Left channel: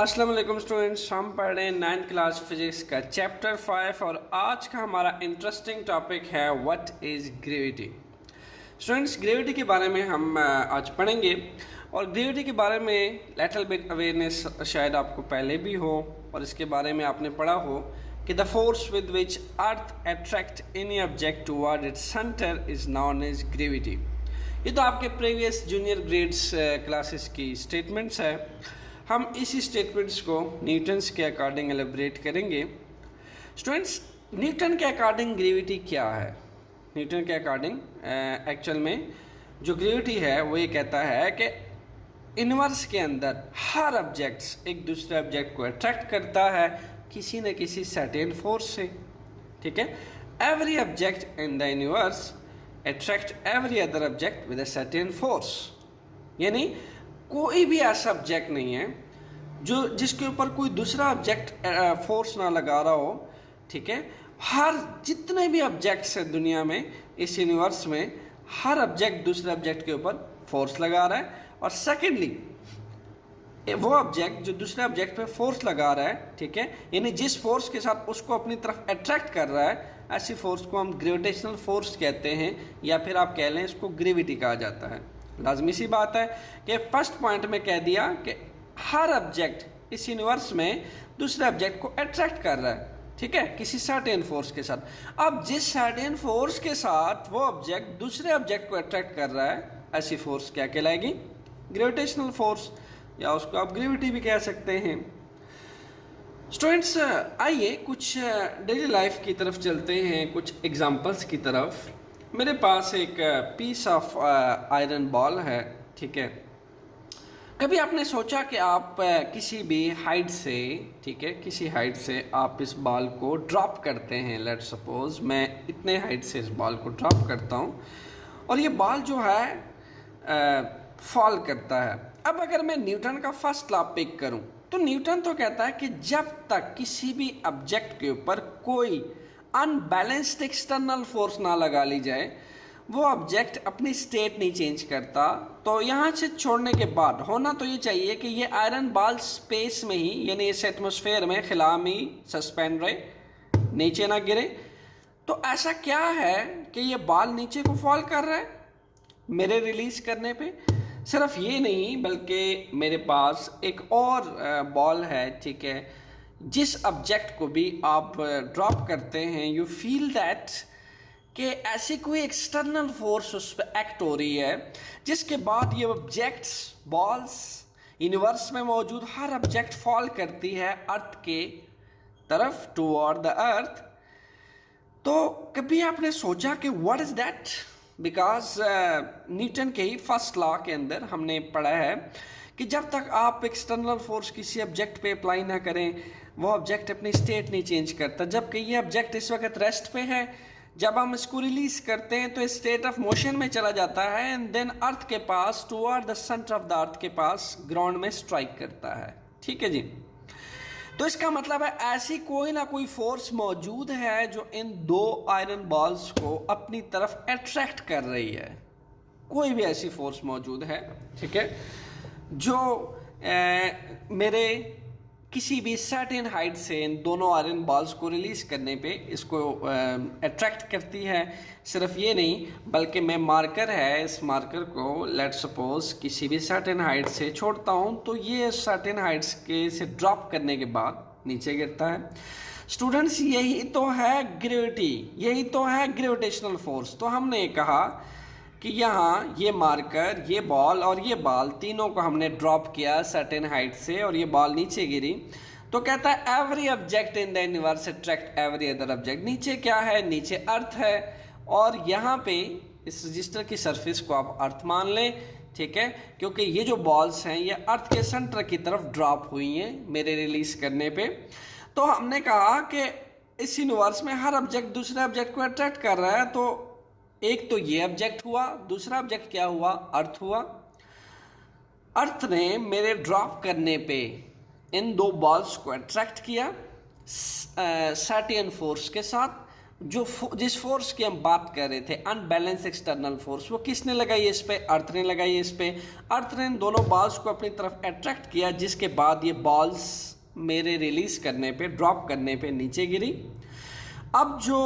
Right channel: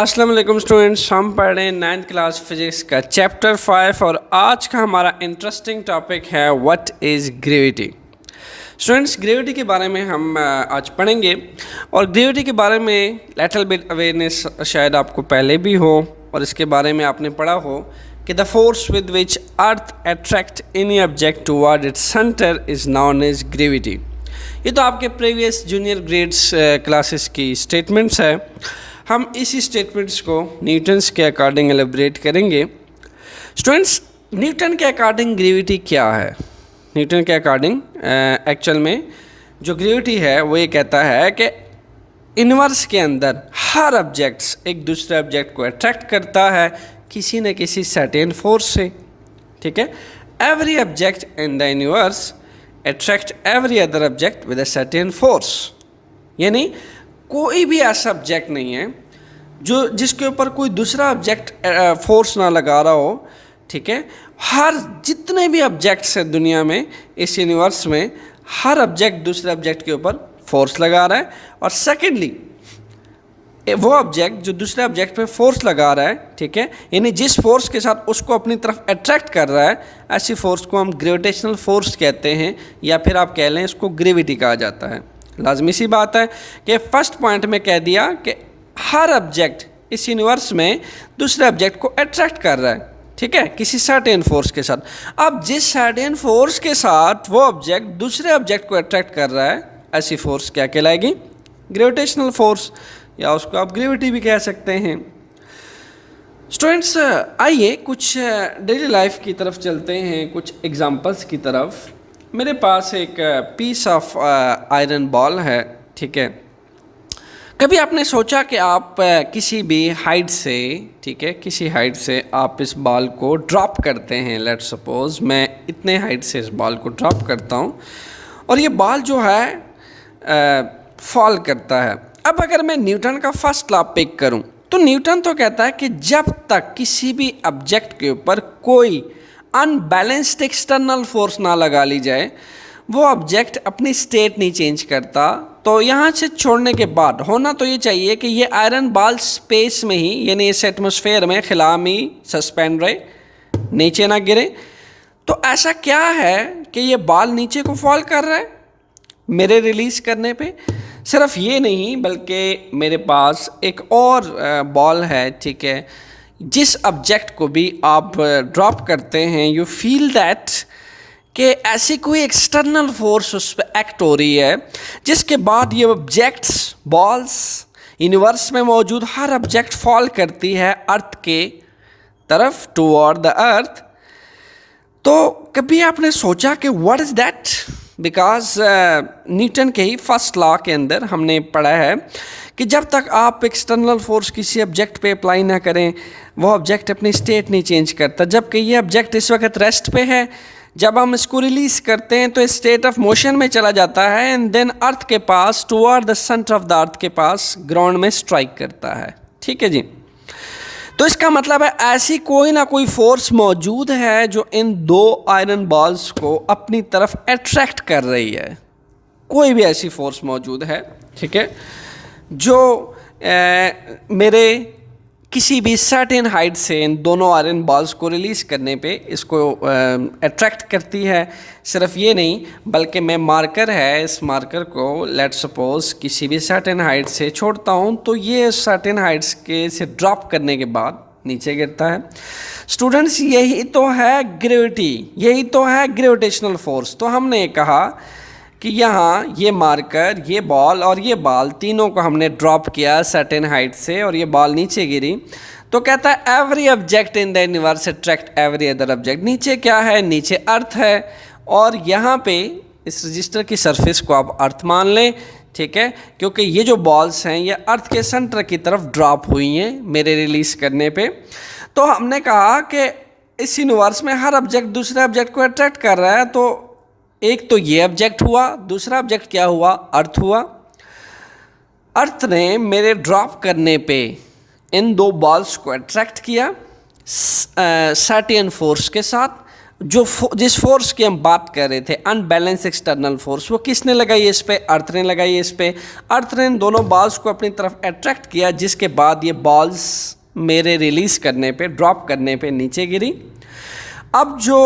अस्सलाम वालेकुम स्टूडेंट्स, हम पढ़ रहे हैं 9th क्लास फिजिक्स का चैप्टर 5 और आज का हमारा इंटरेस्टिंग टॉपिक है what is gravity. Students, gravity के बारे में हम आज पढ़ेंगे और ग्रेविटी के बारे में लिटिल बिट अवेयरनेस शायद आपको पहले भी हो और इसके बारे में आपने पढ़ा हो कि the force with which earth attract any object toward its centre is known as gravity. ये तो आपके प्रीवियस जूनियर ग्रेड्स क्लासेस की स्टेटमेंट्स है। हम इसी स्टेटमेंट्स को न्यूटन्स के अकॉर्डिंग एलिब्रेट करेंगे। स्टूडेंट्स, न्यूटन के अकॉर्डिंग ग्रेविटी क्या है? न्यूटन के अकॉर्डिंग एक्चुअल में जो ग्रेविटी है वो ये कहता है कि यूनिवर्स के अंदर हर ऑब्जेक्ट्स एक दूसरे ऑब्जेक्ट को अट्रैक्ट करता है किसी न किसी सर्टेन फोर्स से। ठीक है, every object in the universe attract every other object with a certain force. यानी कोई भी ऐसा ऑब्जेक्ट नहीं है जो जिसके ऊपर कोई दूसरा ऑब्जेक्ट फोर्स ना लगा रहा हो। ठीक है, हर जितने भी ऑब्जेक्ट्स हैं दुनिया में, इस यूनिवर्स में, हर ऑब्जेक्ट दूसरे ऑब्जेक्ट के ऊपर फोर्स लगा रहा है। और सेकेंडली वो ऑब्जेक्ट जो दूसरे ऑब्जेक्ट पे फोर्स लगा रहा है, ठीक है, यानी जिस फोर्स के साथ उसको अपनी तरफ अट्रैक्ट कर रहा है, ऐसी फोर्स को हम ग्रेविटेशनल फोर्स कहते हैं, या फिर आप कह लें इसको ग्रेविटी कहा जाता है। लाजमी सी बात है कि फर्स्ट पॉइंट में कह दिया कि हर ऑब्जेक्ट इस यूनिवर्स में दूसरे ऑब्जेक्ट को अट्रैक्ट कर रहा है, ठीक है, किसी सर्टेन फोर्स के साथ। अब जिस सर्टेन फोर्स के साथ वो ऑब्जेक्ट दूसरे ऑब्जेक्ट को अट्रैक्ट कर रहा है, ऐसी फोर्स क्या कहलाएगी? ग्रेविटेशनल फोर्स, या उसको आप ग्रेविटी भी कह सकते हैं। स्टूडेंट्स, आइए कुछ डेली लाइफ की तरफ चलते हैं, कुछ एग्जांपल्स की तरफ। मेरे पास एक पीस ऑफ आयरन बॉल है, ठीक है। कभी आपने सोचा कि आप किसी भी हाइट से, ठीक है, किसी हाइट से आप इस बॉल को ड्रॉप करते हैं। लेट्स सपोज मैं इतने हाइट से इस बॉल को ड्रॉप करता हूँ और ये बॉल जो है फॉल करता है। अब अगर मैं न्यूटन का फर्स्ट लॉ पिक करूँ तो न्यूटन तो कहता है कि जब तक किसी भी ऑब्जेक्ट के ऊपर कोई अनबैलेंस्ड एक्सटर्नल फोर्स ना लगा ली जाए, वो ऑब्जेक्ट अपनी स्टेट नहीं चेंज करता। तो यहाँ से छोड़ने के बाद होना तो ये चाहिए कि ये आयरन बॉल स्पेस में ही, यानी इस एटमॉस्फेयर में खिला में ही सस्पेंड रहे, नीचे ना गिरे। तो ऐसा क्या है कि ये बॉल नीचे को फॉल कर रहा है मेरे रिलीज़ करने पे? सिर्फ ये नहीं, बल्कि मेरे पास एक और बॉल है, ठीक है, जिस ऑब्जेक्ट को भी आप ड्रॉप करते हैं, यू फील दैट कि ऐसी कोई एक्सटर्नल फोर्स उस पर एक्ट हो रही है, जिसके बाद ये ऑब्जेक्ट्स, बॉल्स, यूनिवर्स में मौजूद हर ऑब्जेक्ट फॉल करती है अर्थ के तरफ, टुवर्ड द अर्थ। तो कभी आपने सोचा कि what is that? Because Newton के ही फर्स्ट लॉ के अंदर हमने पढ़ा है कि जब तक आप एक्सटर्नल फोर्स किसी ऑब्जेक्ट पे अप्लाई ना करें, वो ऑब्जेक्ट अपनी स्टेट नहीं चेंज करता। जबकि ये ऑब्जेक्ट इस वक्त रेस्ट पे है, जब हम इसको रिलीज़ करते हैं तो स्टेट ऑफ मोशन में चला जाता है एंड देन अर्थ के पास, toward the centre of the earth के पास, ग्राउंड में स्ट्राइक करता है। ठीक है जी, तो इसका मतलब है ऐसी कोई ना कोई फोर्स मौजूद है जो इन दो आयरन बॉल्स को अपनी तरफ अट्रैक्ट कर रही है। कोई भी ऐसी फोर्स मौजूद है, ठीक है, जो मेरे किसी भी सर्टेन हाइट से इन दोनों आयरन बॉल्स को रिलीज़ करने पे इसको अट्रैक्ट करती है। सिर्फ ये नहीं, बल्कि मैं मार्कर है, इस मार्कर को लेट्स सपोज किसी भी सर्टेन हाइट से छोड़ता हूँ तो ये सर्टेन हाइट्स के से ड्रॉप करने के बाद नीचे गिरता है। स्टूडेंट्स, यही तो है ग्रेविटी, यही तो है ग्रेविटेशनल फोर्स। तो हमने कहा कि यहाँ ये मार्कर, ये बॉल और ये बॉल, तीनों को हमने ड्रॉप किया सर्टेन हाइट से और ये बॉल नीचे गिरी। तो कहता है every object in the universe attract every other object. नीचे क्या है? नीचे अर्थ है और यहाँ पे इस रजिस्टर की सरफेस को आप अर्थ मान लें, ठीक है, क्योंकि ये जो बॉल्स हैं ये अर्थ के सेंटर की तरफ ड्रॉप हुई हैं मेरे रिलीज़ करने पे। तो हमने कहा कि इस यूनिवर्स में हर ऑब्जेक्ट दूसरे ऑब्जेक्ट को अट्रैक्ट कर रहा है। तो एक तो ये ऑब्जेक्ट हुआ, दूसरा ऑब्जेक्ट क्या हुआ? अर्थ हुआ। अर्थ ने मेरे ड्रॉप करने पे इन दो बॉल्स को अट्रैक्ट किया सर्टेन फोर्स के साथ, जिस फोर्स की हम बात कर रहे थे, अनबैलेंस एक्सटर्नल फोर्स, वो किसने लगाई इस पे? अर्थ ने लगाई इस पे। अर्थ ने दोनों बॉल्स को अपनी तरफ अट्रैक्ट किया, जिसके बाद ये बॉल्स मेरे रिलीज करने पे, ड्रॉप करने पे नीचे गिरी। अब जो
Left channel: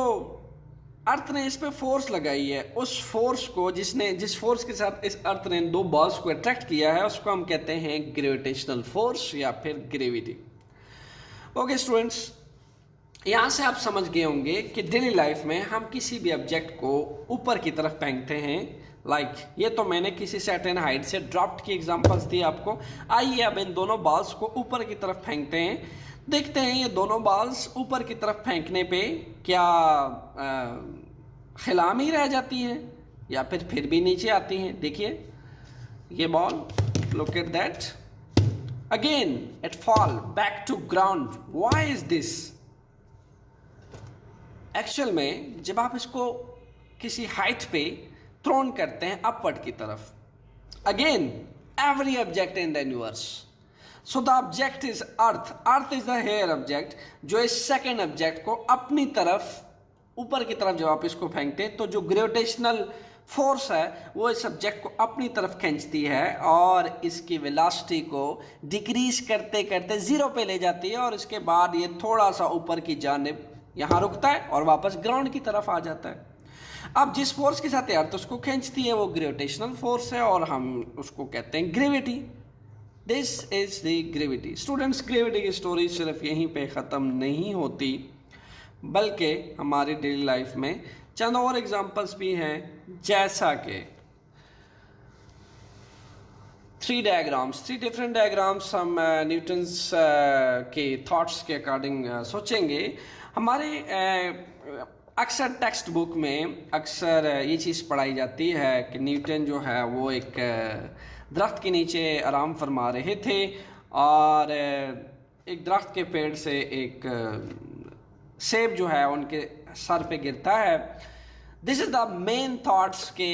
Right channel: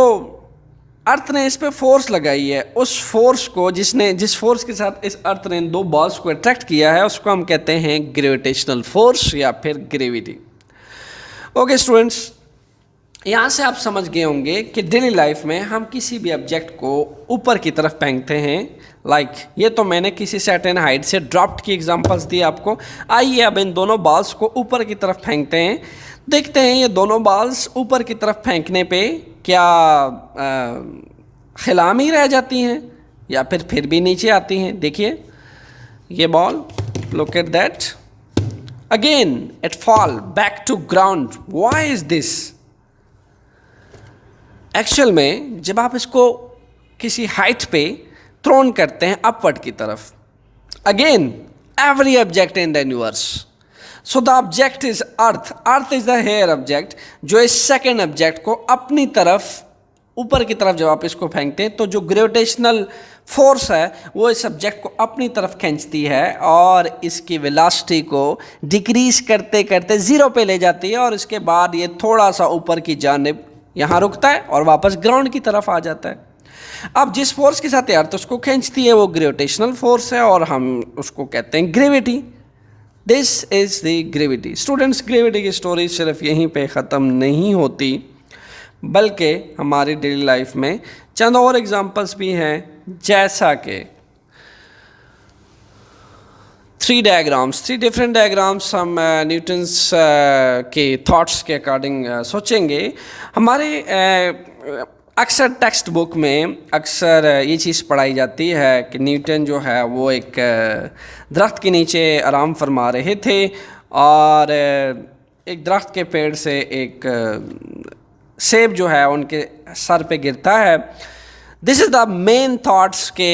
अर्थ ने इस पे फोर्स लगाई है, उस फोर्स को जिस फोर्स के साथ इस अर्थ ने दो बॉल्स को अट्रैक्ट किया है, उसको हम कहते हैं ग्रेविटेशनल फोर्स या फिर ग्रेविटी। ओके स्टूडेंट्स, यहाँ से आप समझ गए होंगे कि डेली लाइफ में हम किसी भी ऑब्जेक्ट को ऊपर की तरफ फेंकते हैं। ये तो मैंने किसी सर्टेन हाइट से ड्रॉप्ड की एग्जांपल्स दी आपको। आइए अब इन दोनों बॉल्स को ऊपर की तरफ फेंकते हैं। देखते हैं ये दोनों बॉल्स ऊपर की तरफ फेंकने पे क्या खिलामी रह जाती हैं या फिर भी नीचे आती हैं। देखिए ये ball, look at that, again it fall back to ground. Why is this? Actual में जब आप इसको किसी हाइट पे थ्रोन करते हैं अपवर्ड की तरफ, again every object in the universe, so the object is earth, earth is the here object, जो इस सेकेंड ऑब्जेक्ट को अपनी तरफ ऊपर की तरफ जब आप इसको फेंकते हैं तो जो ग्रेविटेशनल फोर्स है वो इस ऑब्जेक्ट को अपनी तरफ खींचती है और इसकी वेलोसिटी को डिक्रीज करते करते जीरो पे ले जाती है, और इसके बाद ये थोड़ा सा ऊपर की जानिब यहाँ रुकता है और वापस ग्राउंड की तरफ आ जाता है। अब जिस फोर्स के साथ अर्थ उसको खींचती है वो ग्रेविटेशनल फोर्स है और हम उसको कहते हैं gravity. This is the gravity. Students, gravity की स्टोरी सिर्फ यहीं पे ख़त्म नहीं होती, बल्कि हमारी डेली लाइफ में चंद और एग्जांपल्स भी हैं, जैसा कि थ्री डिफरेंट डायग्राम्स हम न्यूटन्स के थॉट्स के अकॉर्डिंग सोचेंगे। हमारे अक्सर टेक्स्ट बुक में अक्सर ये चीज़ पढ़ाई जाती है कि न्यूटन जो है वो एक दरख्त के नीचे आराम फरमा रहे थे और एक दरख्त के पेड़ से एक सेब जो है उनके सर पे गिरता है। This is the main thoughts के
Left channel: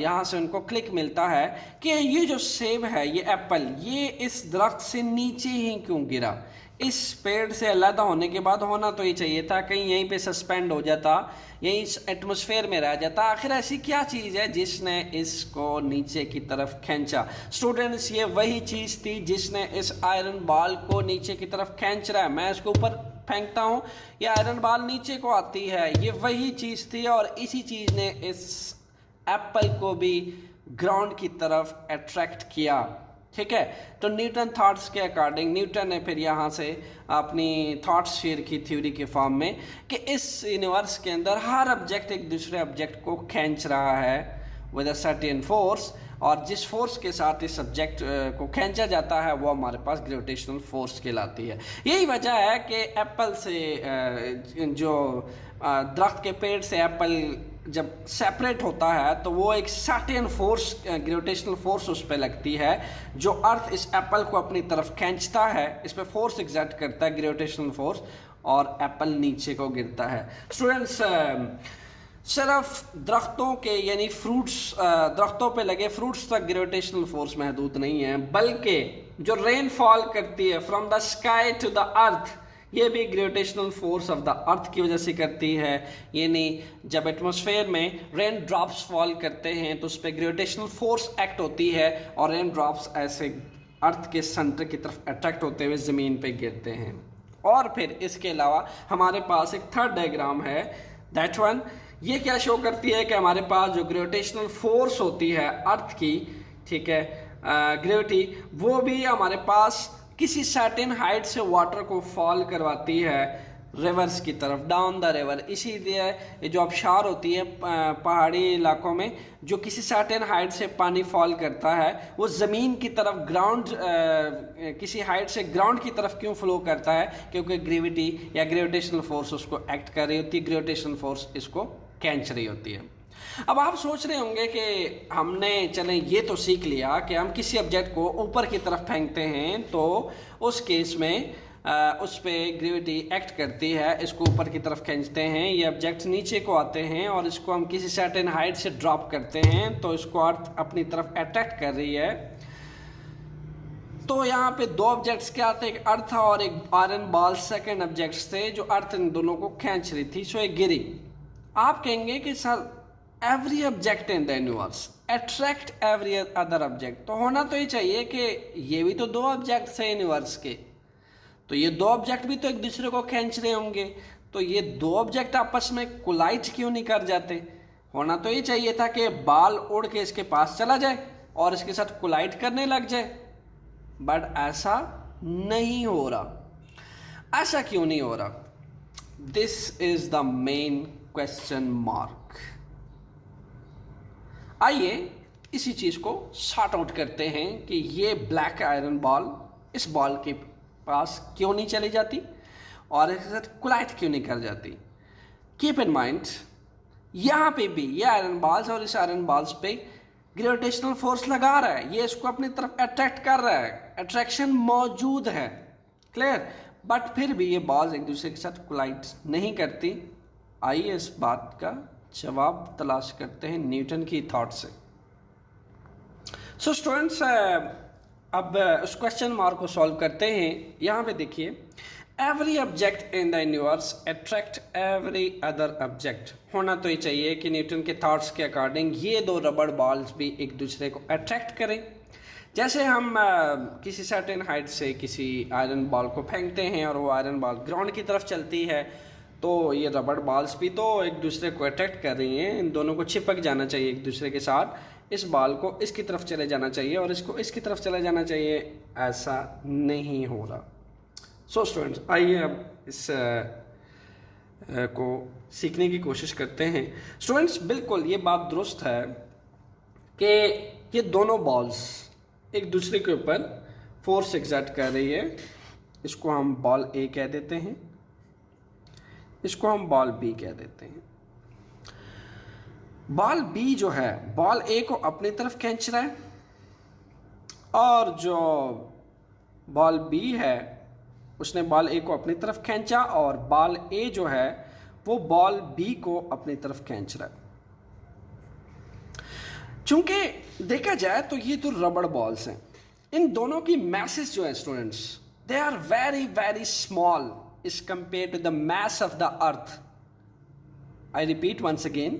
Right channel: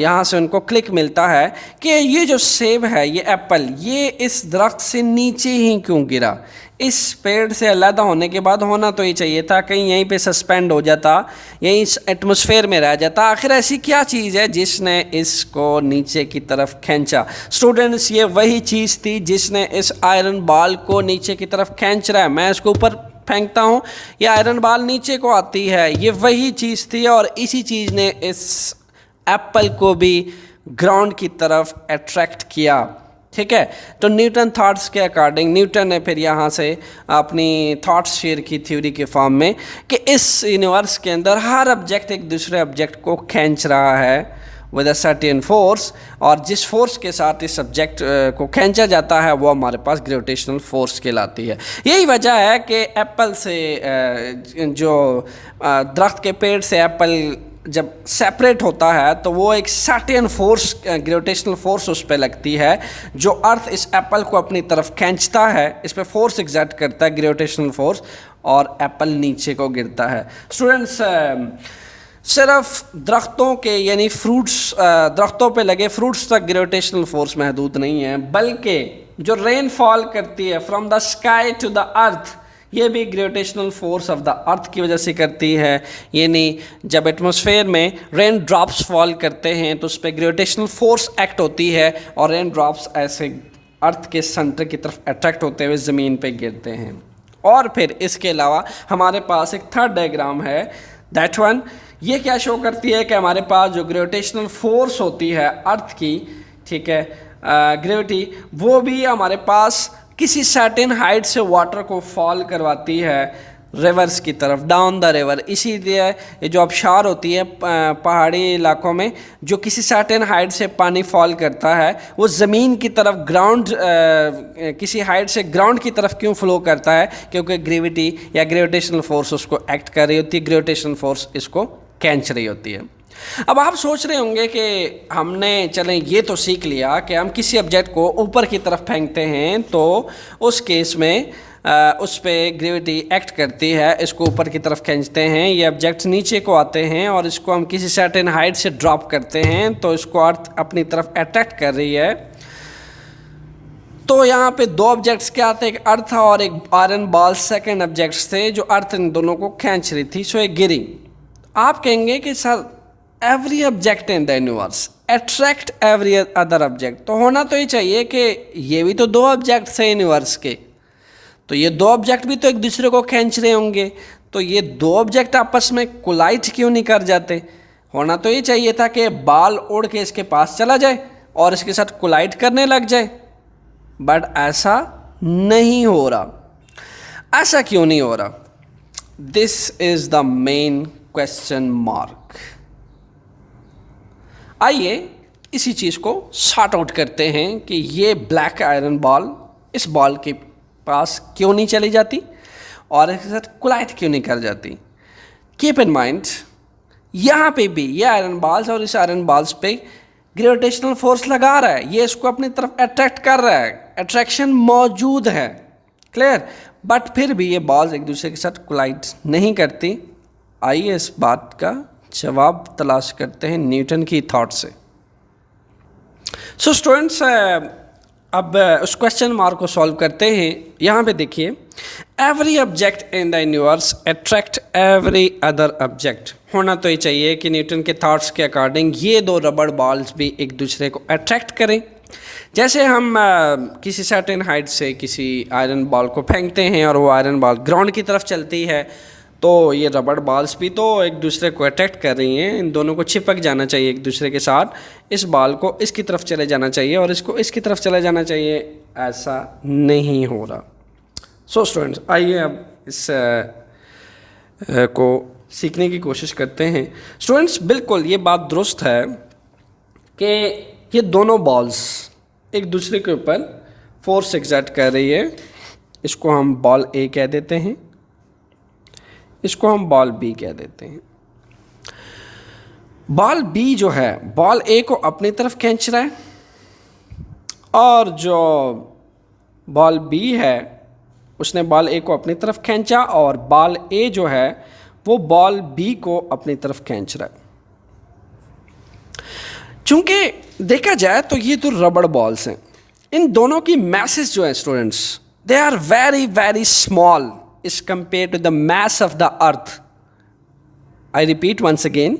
यहाँ से उनको क्लिक मिलता है कि ये जो सेब है, ये एप्पल, ये इस दरख्त से नीचे ही क्यों गिरा? इस पेड़ से अलग होने के बाद होना तो ये चाहिए था, कहीं यहीं पे सस्पेंड हो जाता, यहीं एटमॉस्फेयर में रह जाता। आखिर ऐसी क्या चीज़ है जिसने इसको नीचे की तरफ खींचा? स्टूडेंट्स, ये वही चीज़ थी जिसने इस आयरन बॉल को नीचे की तरफ खींच रहा है। मैं इसको ऊपर फेंकता हूँ, ये आयरन बॉल नीचे को आती है, ये वही चीज़ थी और इसी चीज़ ने इस एप्पल को भी ग्राउंड की तरफ अट्रैक्ट किया। ठीक है, तो न्यूटन थॉट्स के अकॉर्डिंग न्यूटन ने फिर यहाँ से अपनी थॉट्स शेयर की थ्योरी के फॉर्म में कि इस यूनिवर्स के अंदर हर ऑब्जेक्ट एक दूसरे ऑब्जेक्ट को खींच रहा है विद अ सर्टेन फोर्स, और जिस फोर्स के साथ इस सब्जेक्ट को खींचा जाता है वो हमारे पास ग्रेविटेशनल फोर्स कहलाती है। यही वजह है कि एप्पल से जो दरख्त के पेड़ से एप्पल जब सेपरेट होता है तो वो एक सर्टेन फोर्स, ग्रेविटेशनल फोर्स उस पर लगती है, जो अर्थ इस एप्पल को अपनी तरफ खींचता है, इस पर फोर्स एग्जर्ट करता है ग्रेविटेशनल फोर्स, और एप्पल नीचे को गिरता है। स्टूडेंट्स, सिर्फ दरख्तों के यानी फ्रूट्स, दरख्तों पे लगे फ्रूट्स तक ग्रेविटेशनल फोर्स महदूद नहीं है, बल्कि जो रेन फॉल करती है from the sky to the earth, ये भी gravitational force of the earth की वजह से करती है। यानी जब एटमॉस्फेयर में रेन ड्रॉप्स फॉल करते हैं तो उस पर ग्रेविटेशनल फोर्स एक्ट होती है और रेन ड्रॉप्स ऐसे अर्थ के सेंटर की तरफ अट्रैक्ट होते हुए ज़मीन पे गिरते हैं। और फिर इसके अलावा हमारे पास एक थर्ड डायग्राम है, दैट वन, ये क्या शो करती है कि हमारे पास जो ग्रेविटेशनल फोर्स होती है अर्थ की, ठीक है, ग्रेविटी, वो भी हमारे पास किसी सर्टेन हाइट से वाटर को फॉल करवाती है रिवर्स की तरफ, डाउन द रिवर। इसीलिए ये जो आबशार होती है पहाड़ी इलाकों में, जो किसी सर्टेन हाइट से पानी फॉल करता है वो ज़मीन की तरफ ग्राउंड, किसी हाइट से ग्राउंड की तरफ क्यों फ्लो करता है? क्योंकि ग्रेविटी या ग्रेविटेशनल फोर्स उसको एक्ट कर रही होती है, ग्रेविटेशनल फोर्स इसको खींच रही होती है। अब आप सोच रहे होंगे कि हमने चलें ये तो सीख लिया कि हम किसी ऑब्जेक्ट को ऊपर की तरफ फेंकते हैं तो उस केस में उस पर ग्रेविटी एक्ट करती है, इसको ऊपर की तरफ खींचते हैं, ये ऑब्जेक्ट नीचे को आते हैं और इसको हम किसी सर्टेन हाइट से ड्रॉप करते हैं तो इसको अर्थ अपनी तरफ अट्रैक्ट कर रही है। तो यहाँ पे दो ऑब्जेक्ट्स क्या थे, एक अर्थ और एक आयरन बॉल सेकंड ऑब्जेक्ट्स थे जो अर्थ इन दोनों को खींच रही थी, सो ये गिरी। आप कहेंगे कि sir every object in the universe attract every other object, तो होना तो ये चाहिए कि ये भी तो दो ऑब्जेक्ट्स हैं यूनिवर्स के, तो ये दो ऑब्जेक्ट भी तो एक दूसरे को खींच रहे होंगे, तो ये दो ऑब्जेक्ट आपस में कोलाइड क्यों नहीं कर जाते। होना तो ये चाहिए था कि बाल उड़ के इसके पास चला जाए और इसके साथ कोलाइड करने लग जाए, बट ऐसा नहीं हो रहा। ऐसा क्यों नहीं हो रहा? This is the main question mark. आइए इसी चीज़ को सॉर्ट आउट करते हैं कि ये ब्लैक आयरन बॉल इस बॉल के पास क्यों नहीं चली जाती और इसके साथ कोलाइड क्यों नहीं कर जाती। कीप इन माइंड, यहाँ पे भी ये आयरन बॉल्स और इस आयरन बॉल्स पे ग्रेविटेशनल फोर्स लगा रहा है, ये इसको अपनी तरफ अट्रैक्ट कर रहा है, अट्रैक्शन मौजूद है, क्लियर, बट फिर भी ये बॉल्स एक दूसरे के साथ कोलाइड नहीं करती। आइए इस बात का जवाब तलाश करते हैं न्यूटन की थॉट से। सो स्टूडेंट्स, अब उस क्वेश्चन मार्क को सॉल्व करते हैं। यहाँ पे देखिए, every object in the universe attract every other object. होना तो ये चाहिए कि न्यूटन के थॉट्स के अकॉर्डिंग ये दो रबड़ बॉल्स भी एक दूसरे को अट्रैक्ट करें। जैसे हम किसी सर्टेन हाइट से किसी आयरन बॉल को फेंकते हैं और वो आयरन बॉल ग्राउंड की तरफ चलती है, तो ये रबड़ बॉल्स भी तो एक दूसरे को अट्रैक्ट कर रही हैं, इन दोनों को चिपक जाना चाहिए एक दूसरे के साथ। इस बॉल को इसकी तरफ चले जाना चाहिए और इसको इसकी तरफ चले जाना चाहिए, ऐसा नहीं हो रहा। सो स्टूडेंट्स, आइए अब इस को सीखने की कोशिश करते हैं। स्टूडेंट्स, बिल्कुल ये बात दुरुस्त है कि ये दोनों बॉल्स एक दूसरे के ऊपर फोर्स एक्सर्ट कर रही है। इसको हम बॉल ए कह देते हैं, इसको हम बॉल बी कह देते हैं। बॉल बी जो है बॉल ए को अपनी तरफ खींच रहा है और जो बॉल बी है उसने बॉल ए को अपनी तरफ खींचा और बॉल ए जो है वो बॉल बी को अपनी तरफ खींच रहा है। चूंकि देखा जाए तो ये तो रबड़ बॉल्स हैं, इन दोनों की मैसेज जो है students, they are very very small is compared to the mass of the earth. I repeat once again,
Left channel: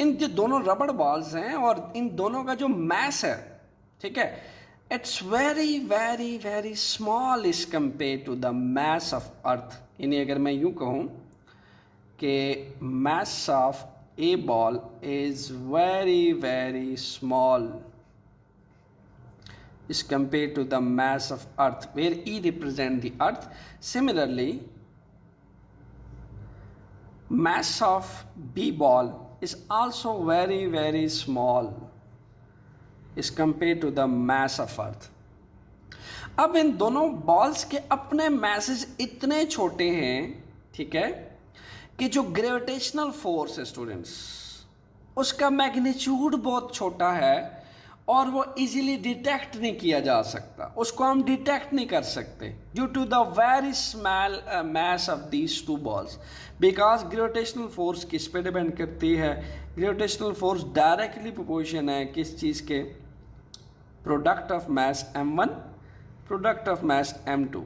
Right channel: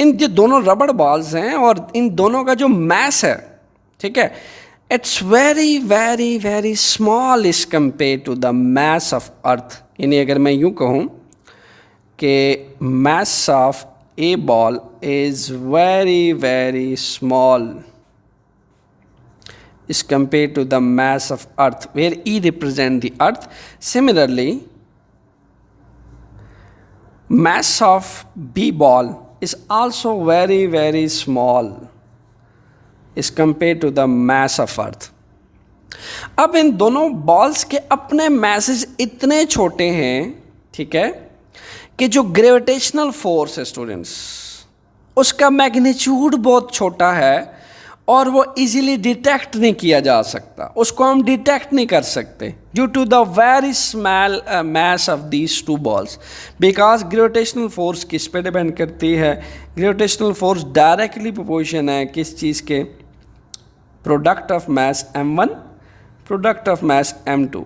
इन जो दोनों रबड़ बॉल्स हैं और इन दोनों का जो मैस है, ठीक है, it's very very very small is compare to the mass of earth. यानी अगर मैं यूँ कहूँ कि mass of a ball is very very small is compared to the mass of earth, where E represent the earth. Similarly, mass of B ball is also very very small is compared to the mass of earth. अब इन दोनों balls के अपने message इतने छोटे हैं, ठीक है, कि जो ग्रेविटेशनल फोर्स है स्टूडेंट्स, उसका मैग्नीट्यूड बहुत छोटा है और वो इजीली डिटेक्ट नहीं किया जा सकता, उसको हम डिटेक्ट नहीं कर सकते due to the very small mass of these two balls. Because gravitational force किस पे डिपेंड करती है? ग्रेविटेशनल फोर्स डायरेक्टली प्रोपोर्शन है किस चीज़ के? Product of mass m1 product of mass m2।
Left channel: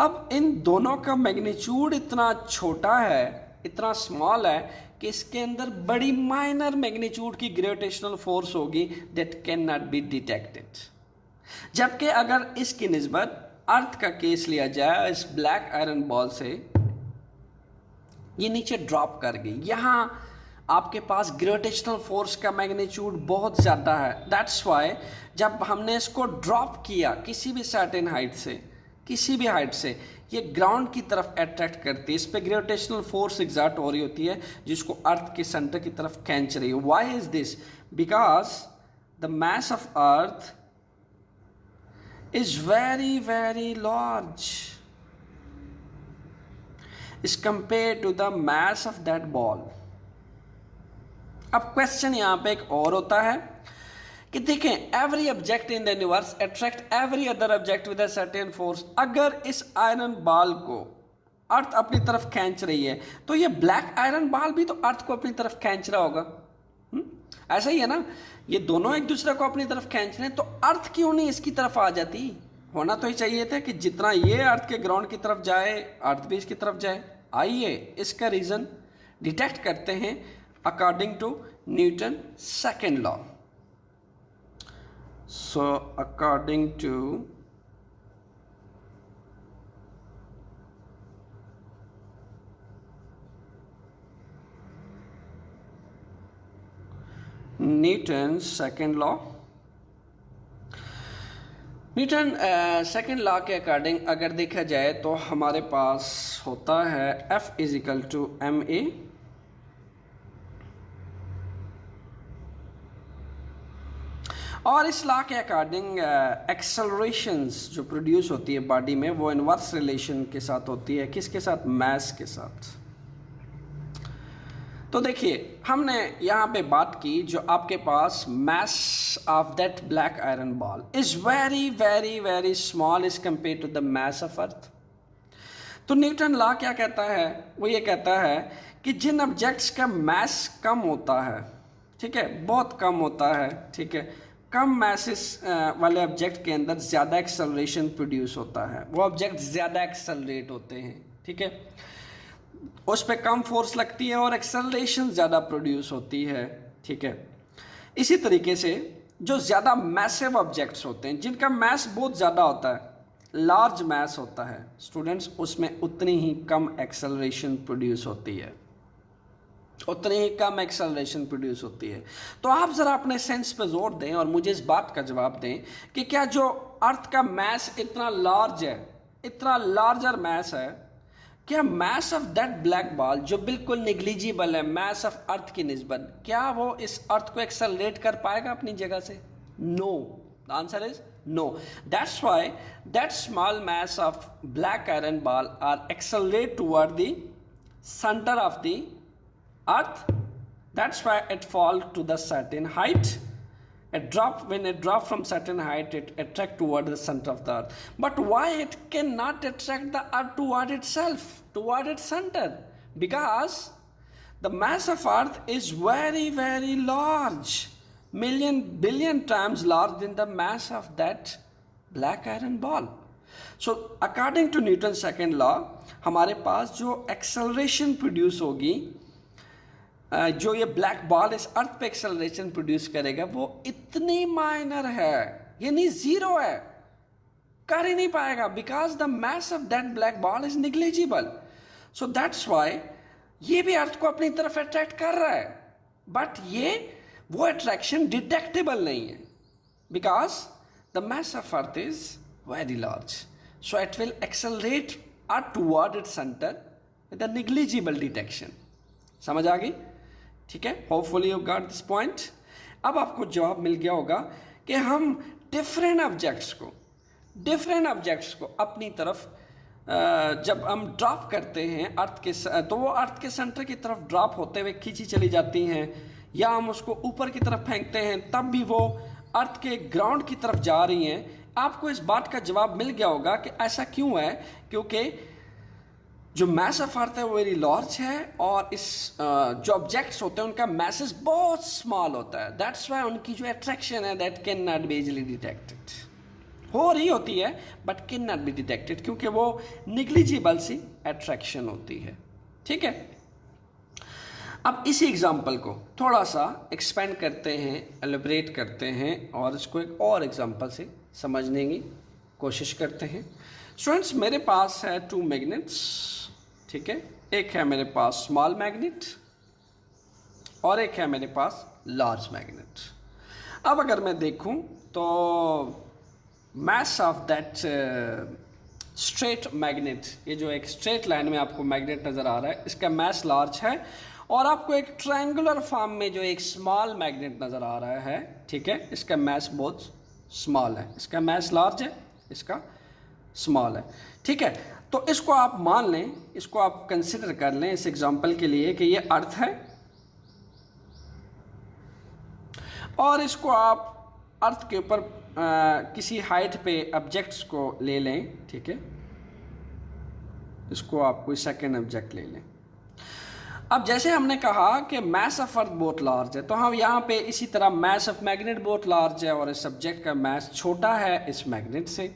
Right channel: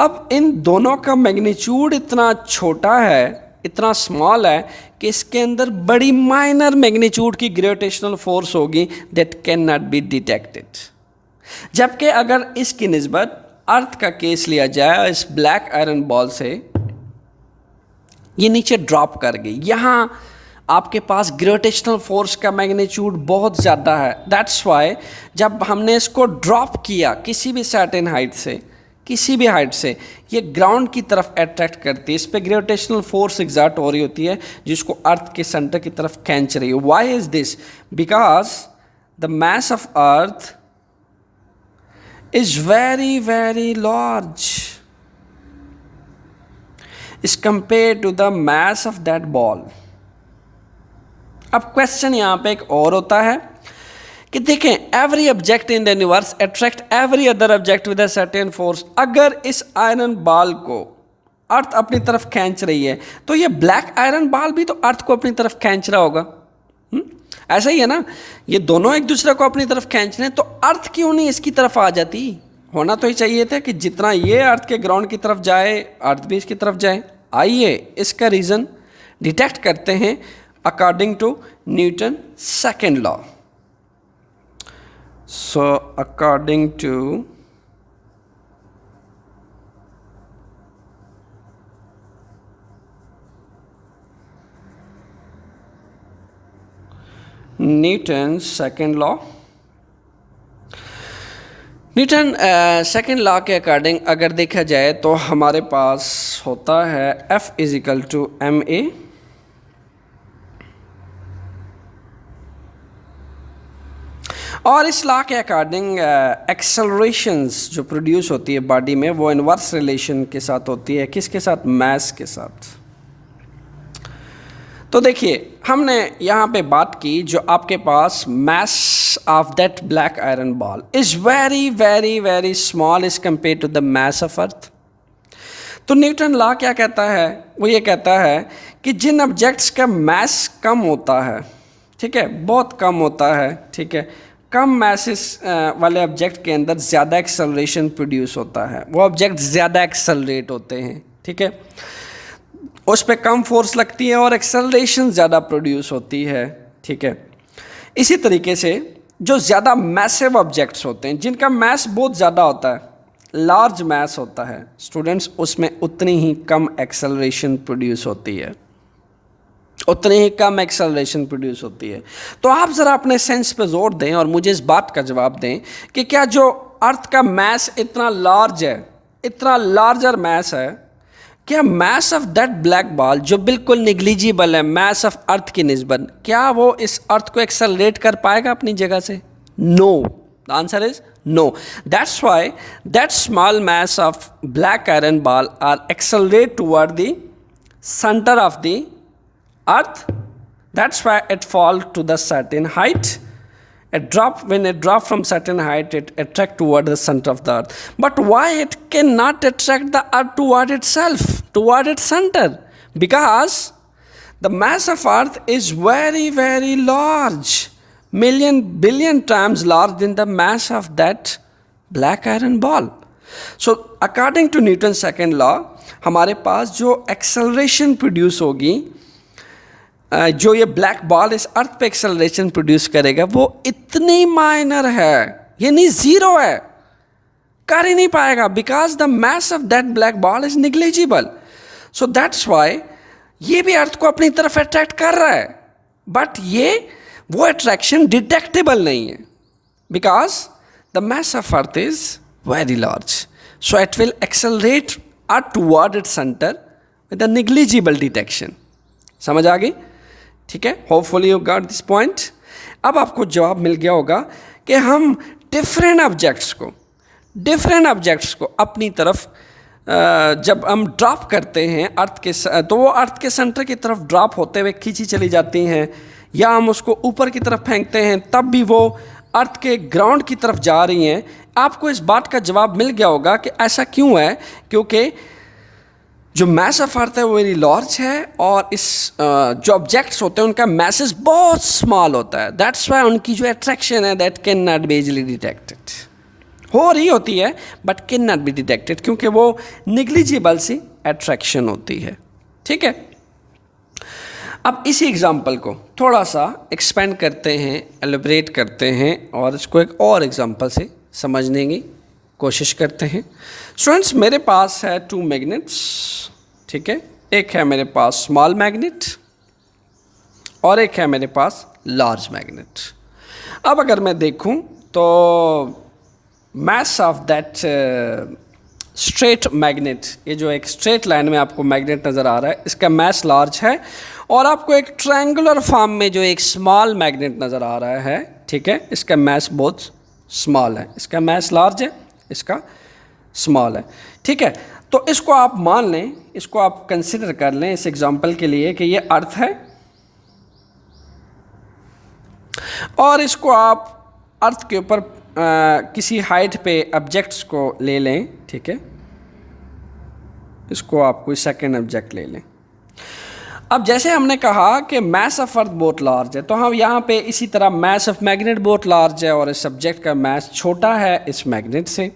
अब इन दोनों का मैग्नीट्यूड इतना छोटा है, इतना स्मॉल है कि इसके अंदर बड़ी माइनर मैग्नीट्यूड की ग्रेविटेशनल फोर्स होगी that can not be detected. जबकि अगर इसकी निस्बत अर्थ का केस लिया जाए, इस ब्लैक आयरन बॉल से ये नीचे ड्रॉप कर गई, यहाँ आपके पास ग्रेविटेशनल फोर्स का मैग्नीट्यूड बहुत ज़्यादा है। दैट्स वाई जब हमने इसको ड्रॉप किया किसी भी सर्टेन हाइट से, किसी भी हाइट से, ये ग्राउंड की तरफ अट्रैक्ट करती है, इस पर ग्रेविटेशनल फोर्स एग्जर्ट हो रही होती है जिसको अर्थ के सेंटर की तरफ खींच रही है। Why is this? Because the mass of earth is very very large is compare to the mass of that ball. अब क्वेश्चन यहाँ पे एक और होता है कि देखें, every object in the universe attract every other object with a certain force. अगर इस आयरन बॉल को अर्थ अपनी तरफ खींच रही है तो ये ब्लैक आयरन बॉल भी तो अर्थ को अपनी तरफ खींच रहा होगा। ऐसा ही है ना, ये दोनों एक दूसरे को अपनी तरफ खींच रहे हैं, तो अर्थ क्यों नहीं इसकी तरफ आ जाती? होना तो ही चाहिए था कि जितना ये अर्थ के ग्राउंड की तरफ जाए अर्थ भी इसकी तरफ जाए। आइए इसका रीज़न डिटेक्ट करते हैं according to Newton second law. So according to Newton second law, Newton second law के अकॉर्डिंग अगर देखा जाए तो हमारे पास होता है F इजिकल टू ma, और इस लॉ के अकॉर्डिंग एक्सेलरेशंस जो प्रोड्यूस होती है बॉडी में वो इनवर्स रिलेशन के साथ होती है, किसके साथ? मास के साथ। तो देखिए हमने यहाँ पे बात की जो आपके पास mass of that black iron ball is very very very small is compare to the mass of earth. तो न्यूटन लॉ क्या कहता है? वो ये कहता है कि जिन ऑब्जेक्ट्स का मास कम होता है, ठीक है, बहुत कम होता है, ठीक है, कम मासेस वाले ऑब्जेक्ट के अंदर ज़्यादा एक्सेलरेशन प्रोड्यूस होता है, वो ऑब्जेक्ट ज़्यादा एक्सेलरेट होते हैं, ठीक है, उस पर कम फोर्स लगती है और एक्सेलरेशन ज़्यादा प्रोड्यूस होती है, ठीक है। इसी तरीके से जो ज़्यादा मैसिव ऑब्जेक्ट्स होते हैं जिनका मास बहुत ज़्यादा होता है, लार्ज मास होता है स्टूडेंट्स, उसमें उतनी ही कम एक्सेलरेशन प्रोड्यूस होती है, उतनी ही कम एक्सेलरेशन प्रोड्यूस होती है। तो आप ज़रा अपने सेंस पे जोर दें और मुझे इस बात का जवाब दें कि क्या जो अर्थ का मास इतना लार्ज है, इतना लार्जर मास है, क्या मास ऑफ दैट ब्लैक बॉल जो बिल्कुल निग्लिजिबल है मास ऑफ अर्थ की निस्बत, क्या वो इस अर्थ को एक्सेलरेट कर पाएगा अपनी जगह से? No, the answer is no. That's why that small mass of black iron ball are accelerate toward the centre of the earth, that's why it fall to the certain height. When it drop from certain height, it attract toward the center of the earth. But why it cannot attract the earth toward itself, toward its center? Because the mass of earth is very, very large, million, billion times larger than the mass of that black iron ball. So, according to Newton's second law, हमारे पास जो acceleration produce होगी, जो ये black ball इस अर्थ पे acceleration produce करेगा वो इतनी माइनर है, ये नहीं ज़ीरो है, कर ही नहीं पाएगा, because the mass of that black ball is negligible. So that's Y ये भी अर्थ को अपनी तरफ अट्रैक्ट कर रहा है, बट ये वो अट्रैक्शन डिटेक्टेबल नहीं है, because the mass of earth is very large, so it will accelerate earth toward its centre with a negligible detection. समझ आ गई? ठीक है, hopefully you got this point. अब आपको जवाब मिल गया होगा कि हम डिफरेंट ऑब्जेक्ट्स को अपनी तरफ जब हम ड्रॉप करते हैं अर्थ के, तो वो अर्थ के सेंटर की तरफ ड्रॉप होते हुए खींची चली जाती हैं, या हम उसको ऊपर की तरफ फेंकते हैं तब भी वो अर्थ के ग्राउंड की तरफ जा रही हैं। आपको इस बात का जवाब मिल गया होगा कि ऐसा क्यों है, क्योंकि जो मास ऑफ अर्थ है वो वेरी लार्ज है और इस जो ऑब्जेक्ट्स होते हैं उनका मैसेज बहुत स्मॉल होता है। दैट्स वाई उनकी जो अट्रैक्शन है that can not be easily detected, हो रही होती है but can not be detected, क्योंकि वो निग्लिजिबल सी अट्रैक्शन होती है। ठीक है, अब इसी एग्जाम्पल को थोड़ा सा एक्सपेंड करते हैं, एलिब्रेट करते हैं और इसको एक और एग्जाम्पल से समझने की कोशिश करते हैं। स्टूडेंट्स, मेरे पास है 2 मैग्नेट्स, ठीक है, एक है मेरे पास स्मॉल मैग्नेट और एक है मेरे पास लार्ज मैग्नेट। अब अगर मैं देखूं तो मास ऑफ दैट स्ट्रेट मैग्नेट, ये जो एक स्ट्रेट लाइन में आपको मैग्नेट नज़र आ रहा है, इसका मास लार्ज है, और आपको एक ट्रायंगुलर फॉर्म में जो एक स्मॉल मैग्नेट नज़र आ रहा है, ठीक है, इसका मास बहुत स्मॉल है, इसका मास लार्ज है, इसका स्मॉल है। ठीक है, तो इसको आप मान लें, इसको आप कंसिडर कर लें इस एग्जांपल के लिए कि ये अर्थ है और इसको आप अर्थ के ऊपर किसी हाइट पे ऑब्जेक्ट्स को ले लें। ठीक है, इसको आप कोई सेकंड ऑब्जेक्ट ले लें। अब जैसे हमने कहा कि मास ऑफ अर्थ बहुत लार्ज है, तो हम यहाँ पे इसी तरह मास ऑफ मैग्नेट बहुत लार्ज है और इस सब्जेक्ट का मास छोटा है इस मैग्नेट से।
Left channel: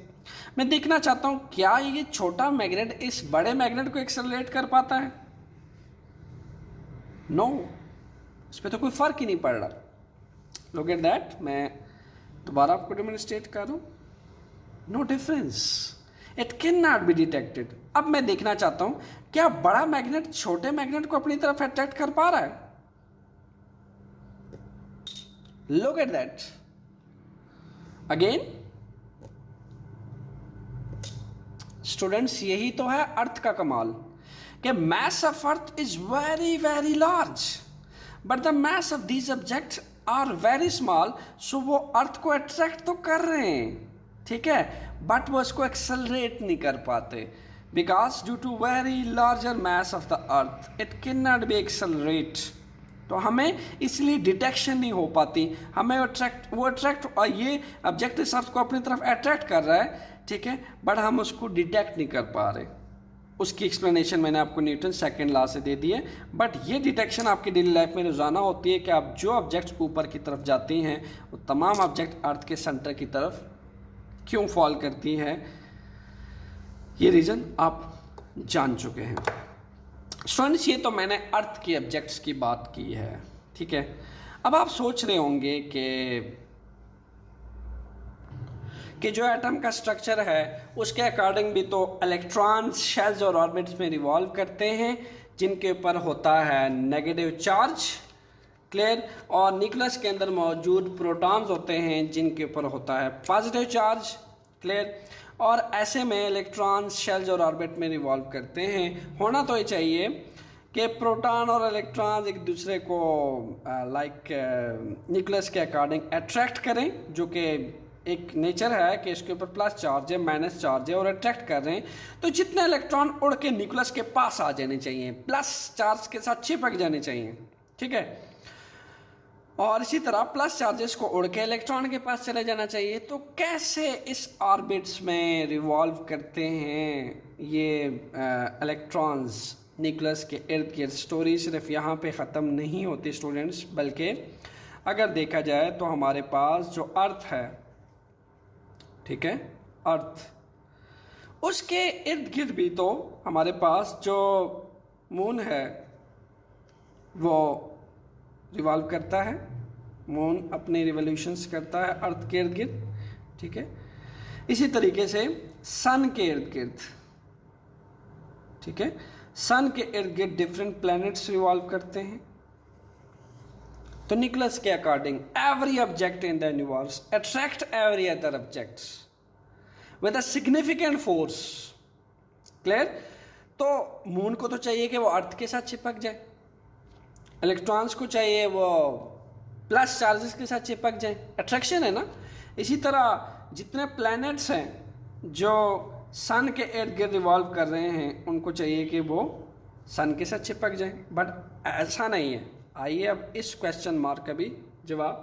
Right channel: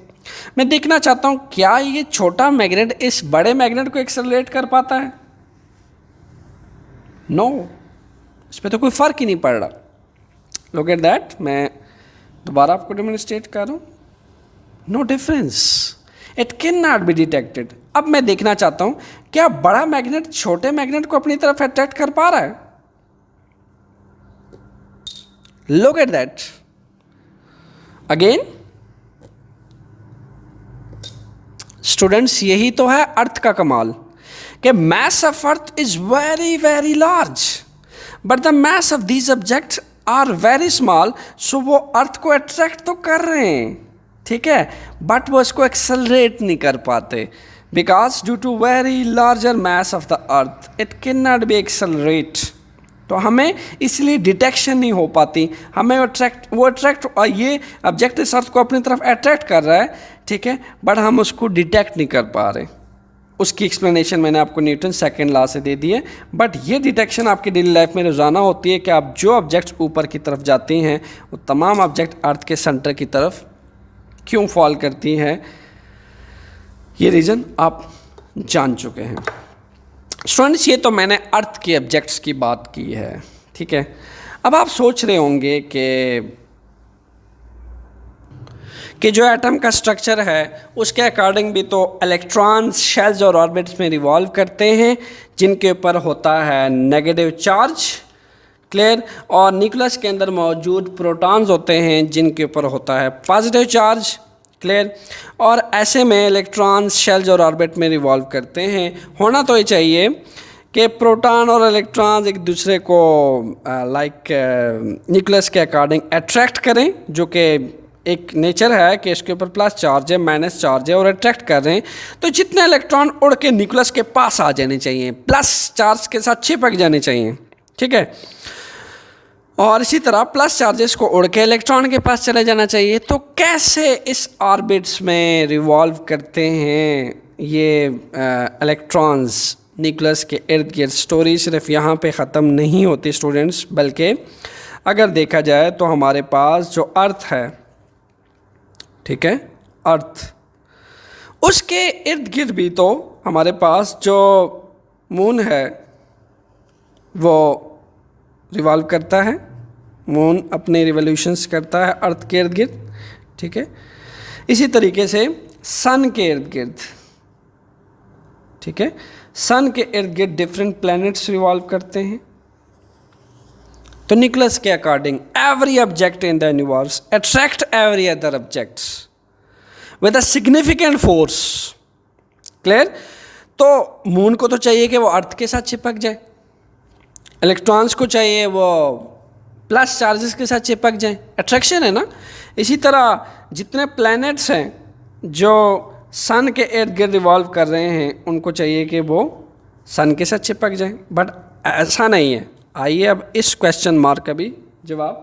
मैं देखना चाहता हूँ क्या ये छोटा मैग्नेट इस बड़े मैग्नेट को एक्सेलरेट कर पाता है। नो, इस पर तो कोई फर्क ही नहीं पड़ रहा। लुक एट दैट, मैं दोबारा आपको डेमोन्स्ट्रेट कर रहा हूँ। No difference, it can not be detected. अब मैं देखना चाहता हूँ क्या बड़ा मैग्नेट छोटे मैग्नेट को अपनी तरफ अट्रैक्ट कर पा रहा है। Look at that again. Students, यही तो है अर्थ का कमाल कि mass of earth is very very large but the mass of these objects are very small, so वो अर्थ को अट्रैक्ट तो कर रहे हैं, ठीक है, बट वो इसको एक्सेलरेट नहीं कर पाते because due to very larger mass of the earth it can not be accelerate. तो हमें इसलिए डिटेक्शन नहीं हो पाती, हमें अट्रैक्ट ये ऑब्जेक्ट इस अर्थ को अपनी तरफ अट्रैक्ट कर रहा है, ठीक है, बट हम उसको डिटेक्ट नहीं कर पा रहे। उसकी एक्सप्लेनेशन मैंने आपको न्यूटन सेकंड लॉ से दे दी है, बट ये डिटेक्शन आपकी डेली लाइफ में रोज़ाना होती है कि आप जो ऑब्जेक्ट्स ऊपर की तरफ जाती हैं वो तमाम ऑब्जेक्ट अर्थ के सेंटर की तरफ क्यों फॉल करती हैं, ये रीज़न आप जान चुके हैं। स्टूडेंट्स, ये तो मैंने अर्थ के ऑब्जेक्ट्स की बात की है, ठीक है। अब आप सोच रहे होंगे कि जो एटम का स्ट्रक्चर है उसके अकॉर्डिंग भी तो इलेक्ट्रॉन्स शेल्स और ऑर्बिट्स में रिवॉल्व करते हैं जिनके ऊपर होता है नेगेटिव चार्ज, क्लियर, और न्यूक्लियस के अंदर मौजूद प्रोटॉन्स होते हैं जिनके ऊपर होता है पॉजिटिव चार्ज, क्लियर। और ऐसे में इलेक्ट्रॉन्स शेल्स और ऑर्बिट में रिवॉल्व करते हैं। होना तो ये चाहिए कि प्रोटॉन और इलेक्ट्रॉन्स एक दूसरे को न्यूक्लियस के अकॉर्डिंग अट्रैक्ट करें, जो कि एक नेचर है कि इसके ऊपर प्लस चार्ज है माइनस चार्ज है और अट्रैक्ट कर रहे हैं। तो जितने इलेक्ट्रॉन उड़ के न्यूक्लियस के पास आ जाने चाहिए, प्लस चार्ज के साथ चिपक जाने चाहिए, ठीक है, और इसी तरह प्लस चार्जेस को उड़ के इलेक्ट्रॉन के पास चले जाना चाहिए। तो कैसे इस ऑर्बिट्स में रिवॉल्व करते हैं ये इलेक्ट्रॉन्स न्यूक्लियस के इर्द गिर्द। स्टोरी सिर्फ यहाँ पे ख़त्म नहीं होती स्टूडेंट्स, बल्कि अगर देखा जाए तो हमारे पास जो अर्थ है, ठीक है, अर्थ, उसके इर्द गिर्द भी तो हमारे पास जो मून है वो रिवॉल्व करता है, मून अपने रिवोल्यूशंस करता है अर्थ के इर्द गिर्द, ठीक है। इसी तरीके से सन के इर्द गिर्द, ठीक है, सन के इर्द गिर्द डिफरेंट प्लैनेट्स रिवॉल्व करते हैं। तो न्यूक्लियस के according every object in the universe attract every other objects with a significant force, clear. तो मून को तो चाहिए कि वो अर्थ के साथ चिपक जाए, इलेक्ट्रॉन्स को चाहिए वो प्लस चार्जेस के साथ चिपक जाए, अट्रैक्शन है ना। इसी तरह जितने प्लैनेट्स हैं जो सन के इर्द गिर्द रिवॉल्व कर रहे हैं उनको चाहिए कि वो सन के साथ चिपक जाए, बट ऐसा नहीं है। आइए अब इस क्वेश्चन मार्क का भी जवाब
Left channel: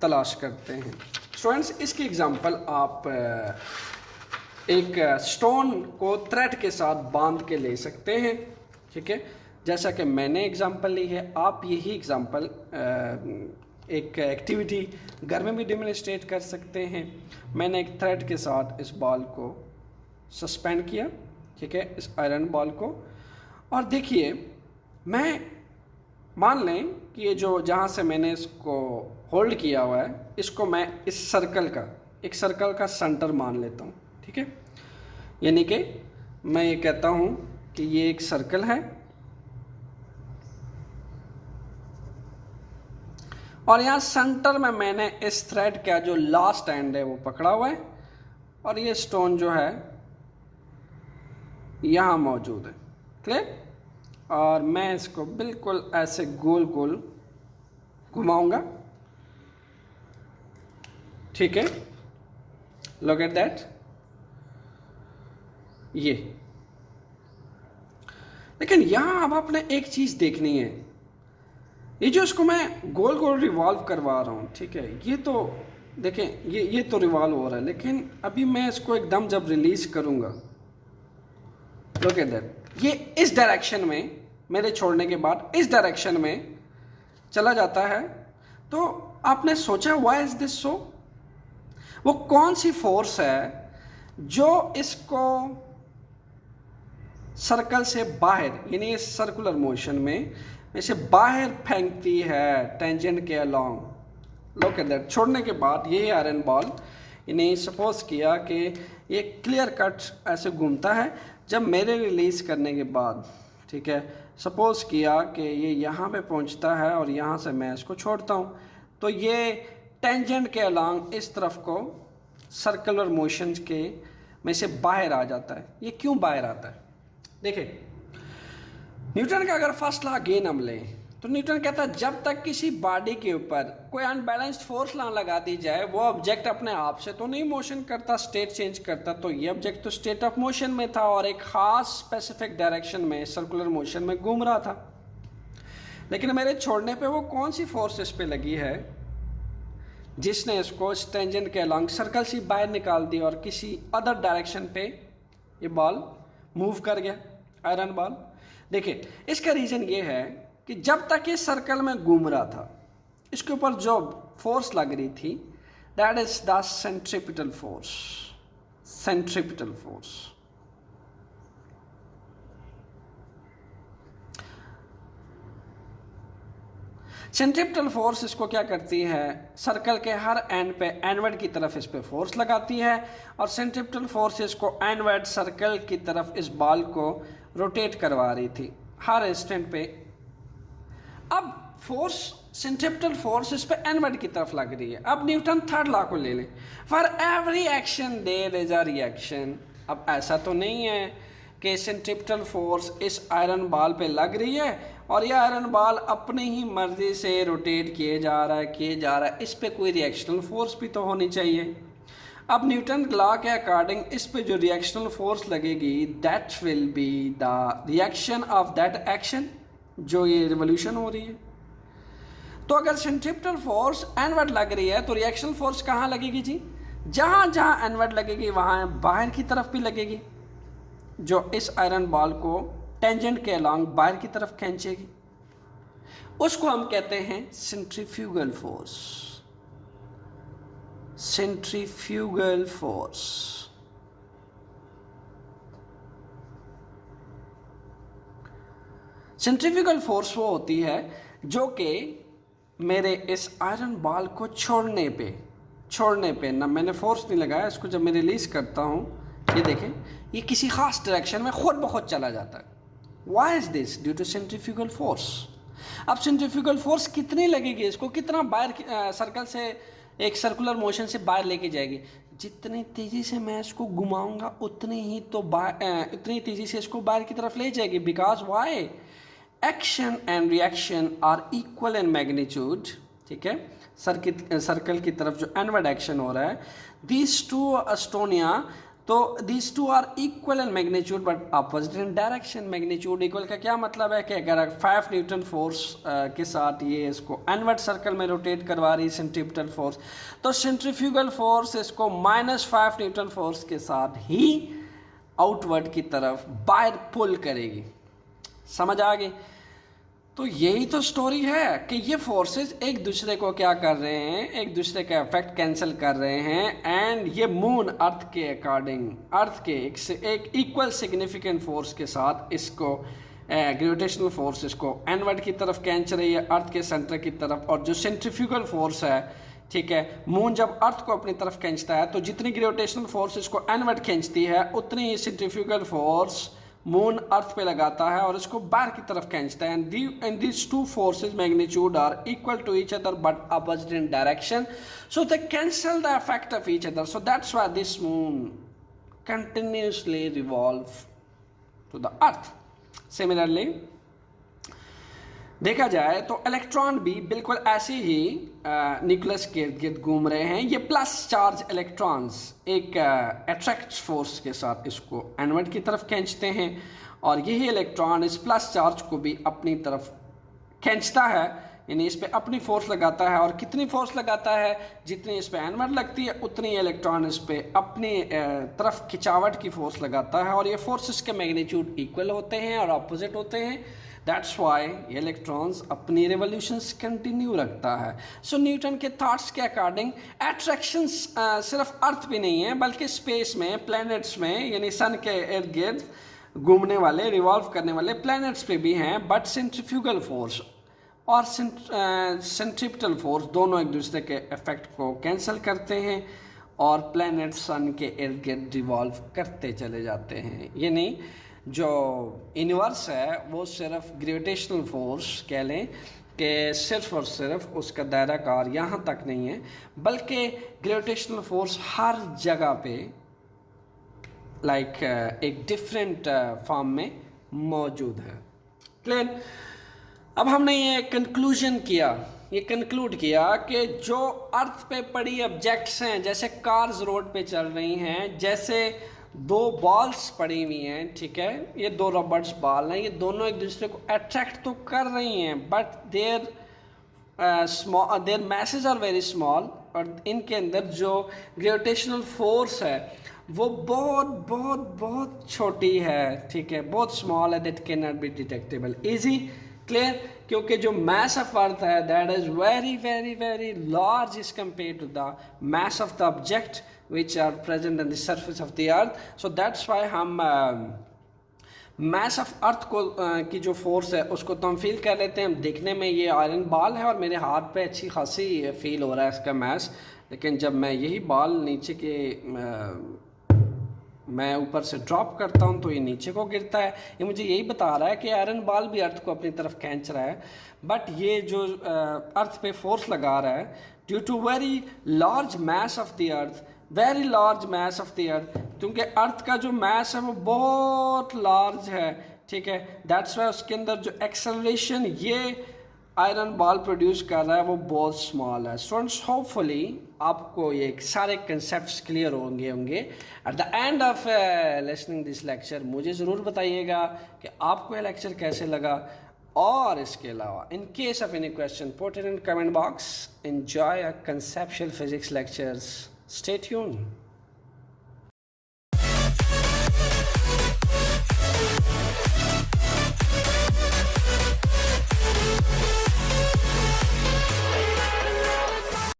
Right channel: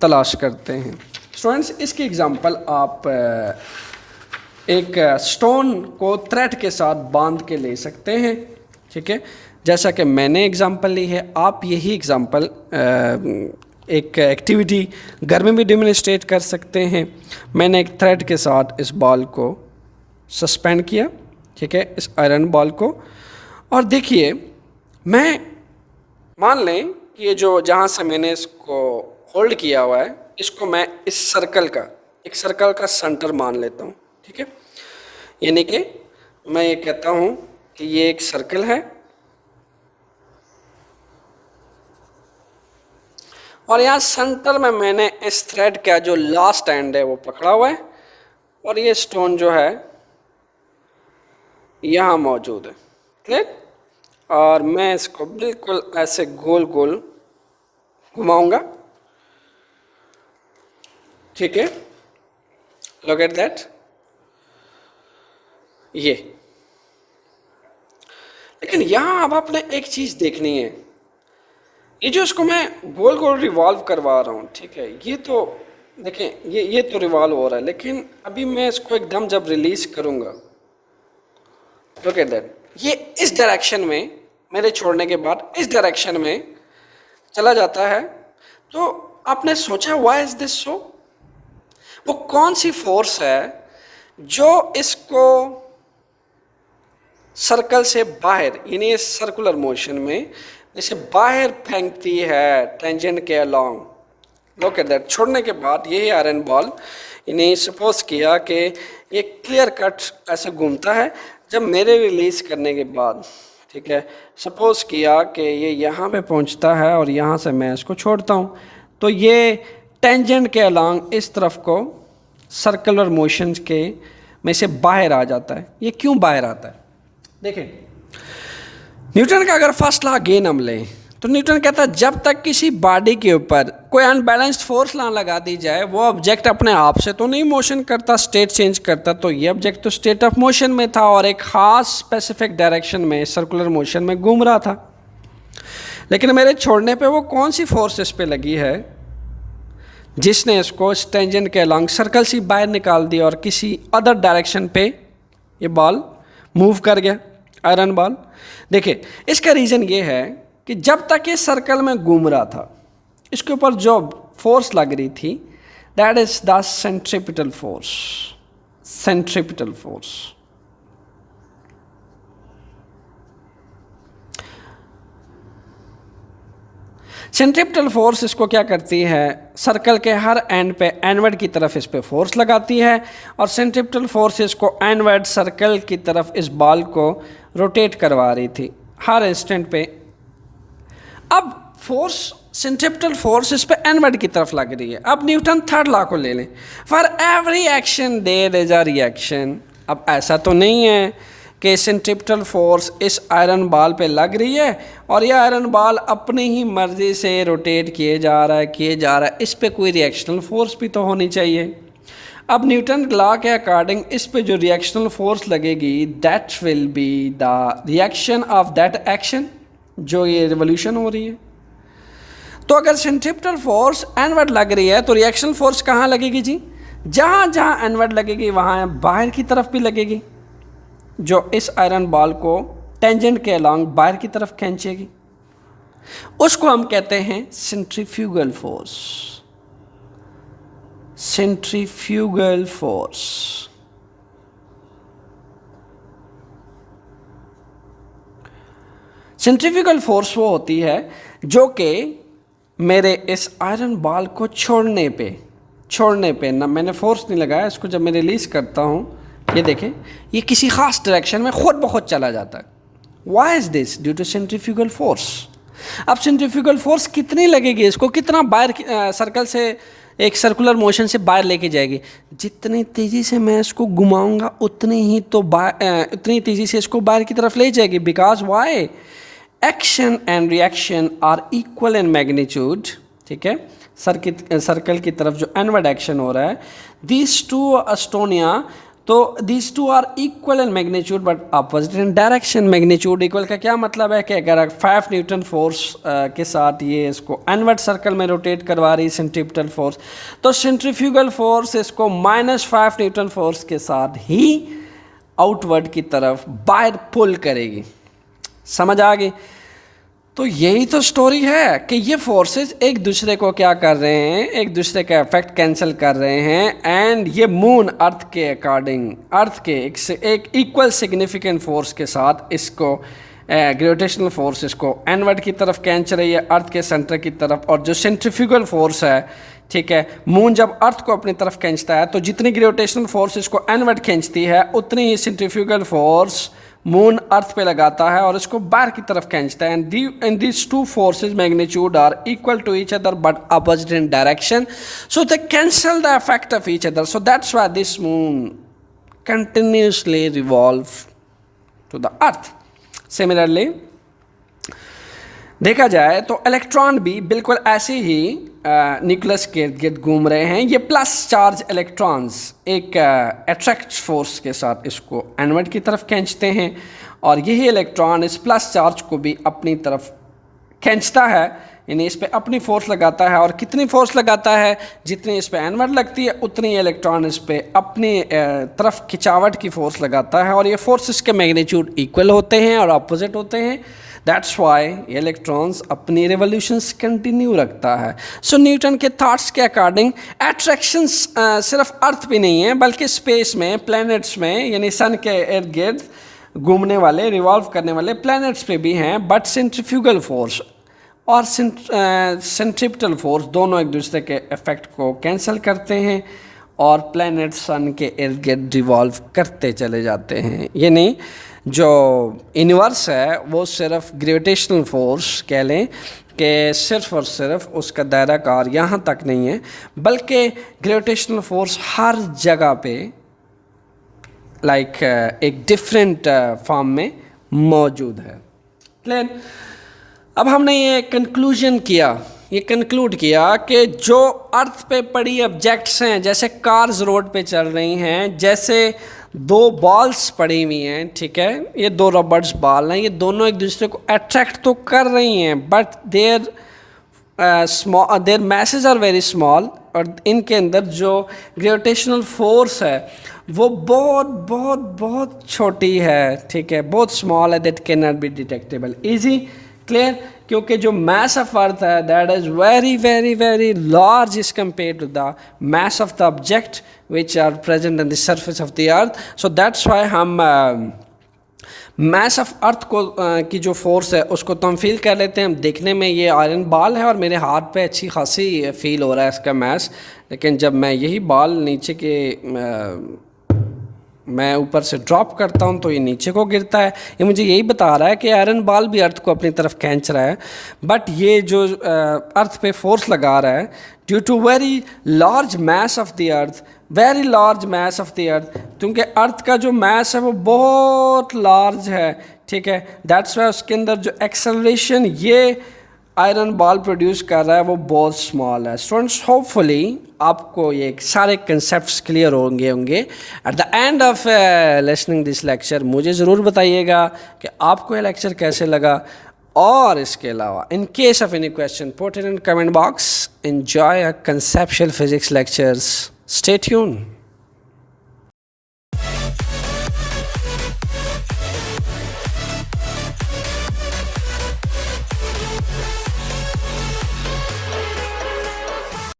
तलाश करते हैं। स्टूडेंट्स, इसकी एग्जांपल आप एक स्टोन को थ्रेड के साथ बांध के ले सकते हैं, ठीक है, जैसा कि मैंने एग्जांपल ली है। आप यही एग्जांपल एक एक्टिविटी घर में भी डेमोन्स्ट्रेट कर सकते हैं। मैंने एक थ्रेड के साथ इस बॉल को सस्पेंड किया, ठीक है, इस आयरन बॉल को, और देखिए मैं मान लें कि ये जो जहाँ से मैंने इसको होल्ड किया हुआ है इसको मैं इस सर्कल का, एक सर्कल का सेंटर मान लेता हूँ, ठीक है। यानी कि मैं ये कहता हूँ कि ये एक सर्कल है और यहाँ सेंटर में मैंने इस थ्रेड का जो लास्ट एंड है वो पकड़ा हुआ है और ये स्टोन जो है यहाँ मौजूद है, क्लियर। और मैं इसको बिल्कुल ऐसे गोल गोल घुमाऊंगा, ठीक है, लुक एट दैट, ये। लेकिन यहाँ अब आपने एक चीज़ देखनी है, ये जो इसको मैं गोल गोल रिवॉल्व करवा रहा हूँ, ठीक है, ये तो देखें ये तो रिवॉल्व हो रहा है, लेकिन अभी मैं इसको एकदम जब रिलीज करूँगा, लुक एट दैट, ये इस डायरेक्शन में मेरे छोड़ने के बाद इस डायरेक्शन में चला जाता है। तो आपने सोचा व्हाई इज दिस सो? वो कौन सी फोर्स है जो इसको सर्कल से बाहर यानी सर्कुलर मोशन में इसे बाहर फेंकती है टेंजेंट के अलोंग। लुक एट दैट, छोड़ने के बाद यही आयरन बॉल इन्हें सपोज किया कि ये क्लियर कट ऐसे घूमता है। जब मेरे रिलीज़ करने के बाद, ठीक है, सपोज किया कि ये यहाँ पे पहुँचता है और यहाँ से मैं इसको छोड़ता हूँ, तो ये टेंजेंट के अलोंग इस तरफ को सर्कुलर मोशन के में से बाहर आ जाता है। ये क्यों बाहर आता है? देखिए, न्यूटन का अगर फर्स्ट लॉ गेन हम लें तो न्यूटन कहता है जब तक किसी बॉडी के ऊपर कोई अनबैलेंस्ड फोर्स ना लगा दी जाए वो ऑब्जेक्ट अपने आप से तो नहीं मोशन करता, स्टेट चेंज करता। तो ये ऑब्जेक्ट तो स्टेट ऑफ मोशन में था और एक ख़ास स्पेसिफिक डायरेक्शन में सर्कुलर मोशन में घूम रहा था। लेकिन मेरे छोड़ने पे वो कौन सी फोर्स इस पे लगी है जिसने इसको टेंजेंट के अलोंग सर्कल से बाहर निकाल दिया और किसी अदर डायरेक्शन पे ये बॉल मूव कर गया, आयरन बॉल। देखिए, इसका रीज़न ये है कि जब तक ये सर्कल में घूम रहा था इसके ऊपर जो फोर्स लग रही थी that is the centripetal force. Centripetal force centripetal force इसको क्या करती है, सर्कल के हर एंड पे एनवर्ड की तरफ इस पे फोर्स लगाती है और सेंट्रीपिटल फोर्स इसको एनवर्ड सर्कल की तरफ इस बॉल को रोटेट करवा रही थी हर इंस्टेंट पे। अब फोर्स सेंट्रीपिटल फोर्स इस पे एनवर्ड की तरफ लग रही है। अब न्यूटन थर्ड लॉ को ले लें, for every action there is a reaction. अब ऐसा तो नहीं है कि सेंट्रीपिटल फोर्स इस आयरन बॉल पे लग रही है और यह आयरन बॉल अपनी ही मर्जी से रोटेट किए जा रहा है, इस पे कोई रिएक्शनल फोर्स भी तो होनी चाहिए। अब न्यूटन लॉ के अकॉर्डिंग इस पे जो रिएक्शनल फोर्स लगेगी that will be the reaction of that action, जो ये रिवोल्यूशन हो रही है। तो अगर सेंट्रीपिटल फोर्स एनवर्ड लग रही है तो रिएक्शनल फोर्स कहाँ लगेगी जी? जहाँ जहाँ एनवर्ड लगेगी वहाँ बाहर की तरफ भी लगेगी, जो इस आयरन बॉल को टेंजेंट के अलोंग बाहर की तरफ खींचेगी। उसको हम कहते हैं centrifugal force. Centrifugal force. Centrifugal force वो होती है जो कि मेरे इस आयरन बॉल को छोड़ने पे ना मैंने फोर्स नहीं लगाया, इसको जब मैं रिलीज़ करता हूँ ये देखें ये किसी ख़ास डायरेक्शन में खुद ब खुद चला जाता है। Why is this? Due to centrifugal force. अब सेंट्रीफ्यूगल फोर्स कितनी लगेगी, इसको कितना बाहर सर्कल से एक सर्कुलर मोशन से बाहर लेके जाएगी? जितनी तेज़ी से मैं इसको घुमाऊंगा उतनी तेज़ी से इसको बाहर की तरफ ले जाएगी। Because why? Action and reaction are equal in magnitude. ठीक है, सर्कल की तरफ जो एनवर्ड एक्शन हो रहा है, दीज टू एस्टोनिया, तो these two are equal in magnitude but opposite in direction. Magnitude equal का क्या मतलब है कि अगर 5 न्यूटन फोर्स के साथ ये इसको एनवर्ड सर्कल में रोटेट करवा रही सेंट्रीपिटल फोर्स, तो सेंट्रीफ्यूगल फोर्स इसको -5 न्यूटन फोर्स के साथ ही आउटवर्ड की तरफ बाहर पुल करेगी। समझ आ गई? तो यही तो स्टोरी है कि ये फोर्सेस एक दूसरे को क्या कर रहे हैं, एक दूसरे का इफेक्ट कैंसिल कर रहे हैं। एंड ये मून अर्थ के अकॉर्डिंग, अर्थ के एक इक्वल सिग्निफिकेंट फोर्स के साथ इसको ग्रेविटेशनल फोर्स इसको एनवर्ड की तरफ खींच रही है, अर्थ के सेंटर की तरफ। और जो सेंट्रीफ्यूगल फोर्स है, ठीक है, मून जब अर्थ को अपनी तरफ खींचता है तो जितनी ग्रेविटेशनल फोर्स इसको एनवर्ड खींचती है उतनी ही सेंट्रीफ्यूगल फोर्स मून अर्थ पे लगाता है और इसको बाहर की तरफ खींचता है। And these two forces magnitude are equal to each other but opposite in direction, so they cancel the effect of each other. So that's why this moon continuously revolve to the earth. Similarly देखा जाए तो electron भी बिल्कुल ऐसे ही nucleus के इर्द गिर्द घूम रहे हैं। ये प्लस चार्ज इलेक्ट्रॉन्स एक अट्रैक्ट फोर्स के साथ इसको एनवर्ड की तरफ खींचते हैं और यही इलेक्ट्रॉन इस प्लस चार्ज को भी अपनी तरफ खींचता है यानी इस पर अपनी फोर्स लगाता है, और कितनी फोर्स लगाता है, जितनी इस पर एनवर्ड लगती है उतनी इलेक्ट्रॉन इस पर अपनी तरफ खिंचावट की फोर्स लगाता है, और ये फोर्सेस के मैग्नीट्यूड इक्वल होते हैं और अपोजिट होते हैं। दैट्स वाई इलेक्ट्रॉन्स अपनी रिवोल्यूशंस कंटिन्यू रखता है। सो न्यूटन के थॉट्स के अकॉर्डिंग एट्रैक्शंस सिर्फ अर्थ पे नहीं है बल्कि स्पेस में, प्लैनेट्स में, यानी सन के इर्द गिर्द घूमने वाले, रिवॉल्व करने वाले प्लैनेट्स पे भी हैं। बट सेंट्रीफ्यूगल फोर्स और सेंट्रिपिटल फोर्स दोनों एक दूसरे के इफेक्ट को कैंसिल करते हैं और प्लैनेट सन के इर्द गिर्द रिवॉल्व करते चले जाते हैं। यानी जो यूनिवर्स है वो सिर्फ ग्रेविटेशनल फोर्स कह लें कि सिर्फ और सिर्फ उसका दायरा कार यहाँ तक नहीं है, बल्कि ग्रेविटेशनल फोर्स हर जगह पे एक डिफरेंट फॉर्म में मौजूद है। क्लियर? अब हमने ये कंक्लूड किया कि जो अर्थ पे पड़ी ऑब्जेक्ट्स हैं, जैसे कार्स रोड पे चल रही हैं, जैसे दो बॉल्स पड़ी हुई हैं, ठीक है, ये दो रबर्स बॉल हैं, ये दोनों एक दूसरे को अट्रैक्ट तो कर रही हैं, but their masses are very small, और इनके अंदर जो ग्रेविटेशनल फोर्स है वो बहुत बहुत बहुत छोटी है, ठीक है, बहुत स्मॉल है, that can not be detectable easy. Clear? क्योंकि जो मास ऑफ अर्थ है that is very very very large is compare to the mass of the object which are present in the surface of the earth. So that's why हम mass of अर्थ को की जो force है उसको तो हम feel कर लेते हैं। देखने में ये आयरन बॉल है और मेरे हाथ पे अच्छी खासी फील हो रहा है इसका मास, लेकिन जब मैं यही बॉल नीचे के मैं ऊपर से ड्रॉप करता हूँ तो ये नीचे को गिरता है। ये मुझे यही बता रहा है कि आयरन बॉल भी अर्थ को अपनी तरफ खींच रहा है, बट ये जो अर्थ पे फोर्स लगा रहा है due to very large mass of the earth, very large mass of the earth, क्योंकि अर्थ का जो मास है वो बहुत लार्ज है, ठीक है, दैट्स वाई उसके अंदर जो एक्सेलरेशन ये आयरन बॉल प्रोड्यूस कर रहा है वो बहुत स्मॉल है। स्टूडेंट्स, होपफुली आपको ये सारे कंसेप्ट्स क्लियर होंगे। At the end of listening this lecture मुझे ज़रूर बताइएगा कि आपको ये लेक्चर कैसे लगा, और इसके अलावा in case of any question put it in comment box. Enjoy conceptual physics lectures, stay tuned.